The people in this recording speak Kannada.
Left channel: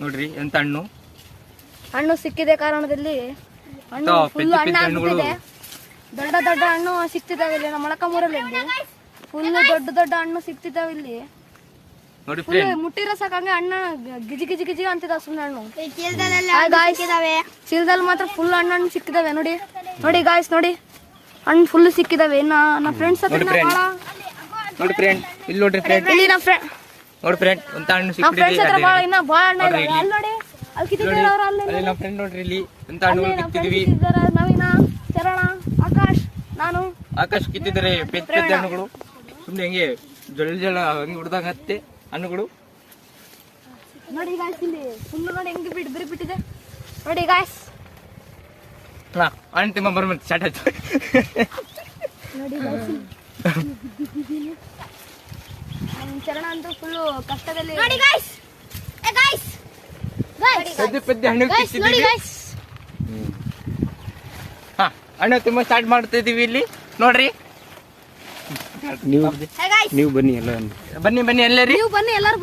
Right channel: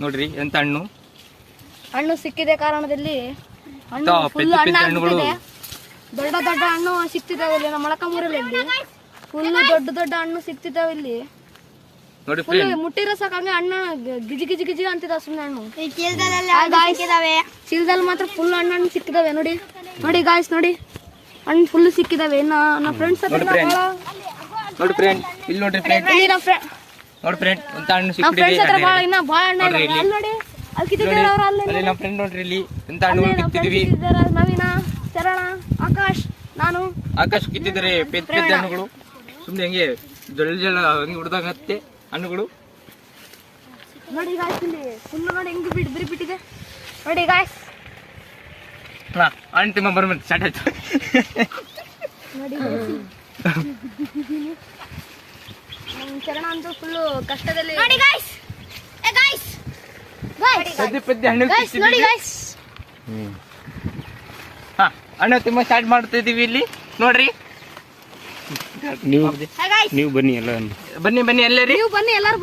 ನೋಡ್ರಿ ಎಂತ ಹಣ್ಣು ಹಣ್ಣು ಸಿಕ್ಕಿದೆ ಕಾರಣದಲ್ಲಿ ಹಣ್ಣು ಫುಲ್ ಹಣ್ಣು ದೊಡ್ಡ ದೊಡ್ಡ ಹಣ್ಣು ಸಿಕ್ತಿದಾವೆ ಇಲ್ಲಿ ನಮ್ಮ ಮೊಳಕಾಮೂರಲ್ಲಿ ಫುಲ್ ದೊಡ್ಡ ದೊಡ್ಡ ಹಣ್ಣು ಸಿಕ್ತಿದಾವೆ ಇಲ್ಲಿ ನೋಡಿ ಫುಲ್ ಮುಟ್ಟಿರೋ ಸಾಕಂಗೆ ಹಣ್ಣು ಗಿಜಿ ಗಿಜಿ ಗಿಜಿ ಅಂತಿದಾವೆ ಸುಮ್ಮನೆ ಹಣ್ಣು ಚೀಲದಲ್ಲಿ ಮಾತ್ರ ಫುಲ್ ಹಣ್ಣು ಸಿಕ್ಕಿದಾವೆ ನೋಡಿ ನೋಡಿ ಗಾಯ್ಸ್ ನೋಡಿ ಹಣ್ಣು ಫುಲ್ ಸಿಕ್ಕಿದಾವೆ ನಮ್ಮ ಫ್ರೆಂಡ್ಸ್ ನೋಡಿ ಫ್ರೆಂಡ್ ಇಲ್ಲಿ ನೋಡ್ರಿ ಫ್ರೆಂಡ್ ಇಲ್ಲಿ ನಮ್ಮ ಫ್ರೆಂಡ್ ನೋಡಿ ಫ್ರೆಂಡ್ ಎಂತ ಹಣ್ಣು ನಮ್ಮ ಫ್ರೆಂಡ್ಸ್ ಹತ್ರ ಸಿಕ್ಕಿದೆ ಇನ್ನ ಭಾಳ ಹಣ್ಣು ಇದಾವೆ ಅಲ್ಲಿ ನೋಡಿ ಅಲ್ಲಿ ಕಿತ್ತಿದ್ದಾರೆ ಅವ್ರು ಅಲ್ಲಿ ಅಲ್ಲಿ ನಮ್ಮ ಫ್ರೆಂಡ್ ನೋಡ್ರಿ ಇಲ್ಲಿ ಎಂತ ಹಣ್ಣುಗಳು ಕಿತ್ತಿದೀವಿ ನವೀನ ಚರಣ ಆಕಾಶ್ ನಾನು ಆಕಾಶ್ ಕಿತ್ತಿದ್ದಾರೆ ಪೆದ್ದ ಪೆದ್ದ ಹಣ್ಣುಗಳು ಸುಮ್ನೆ ಹಂಗೆ ಜೊಳ ಜೊಳ ಹಂಗೆ ಹುಡ್ದಾಗತ್ತೆ ಹಣ್ಣುಗಳು ನೋಡಿ ಗಾಯ್ಸ್ ಇಲ್ಲಿ ಫುಲ್ ನೋಡಿ ಹೆಂಗೆ ಬಿರಿ ಬಿಟ್ಟಿದೆ ನೋಡಿ ಗಾಯ್ಸ್ ಹಣ್ಣು ತಿಮ್ಮ ಬರ್ಬಂತ ಸ್ಟಾರ್ಟ್ ಆಯ್ತು ನೋಡಿ ನಮ್ಮ ಚರಣ ಅಂತೂ ಫುಲ್ ಕಷ್ಟದಲ್ಲಿ ನೋಡಿ ಗಾಯ್ಸ್ ಪೆದ್ದ ಪೆದ್ದ ಹಣ್ಣು ಕಿತ್ತಿದೀವಿ ಹಣ್ಣು ತಿಮ್ಮ ಸ್ಟಾರ್ಟ್ ಮಾಡ್ತಿದೀವಿ ಇಲ್ಲಿ ನೋಡ್ರಿ ನೀವು ಬನ್ನಿ ಎಲ್ಲ ಬನ್ನಿ ಎಲ್ಲರೂ ನೀವು ಬನ್ನಿ ಎಲ್ಲರೂ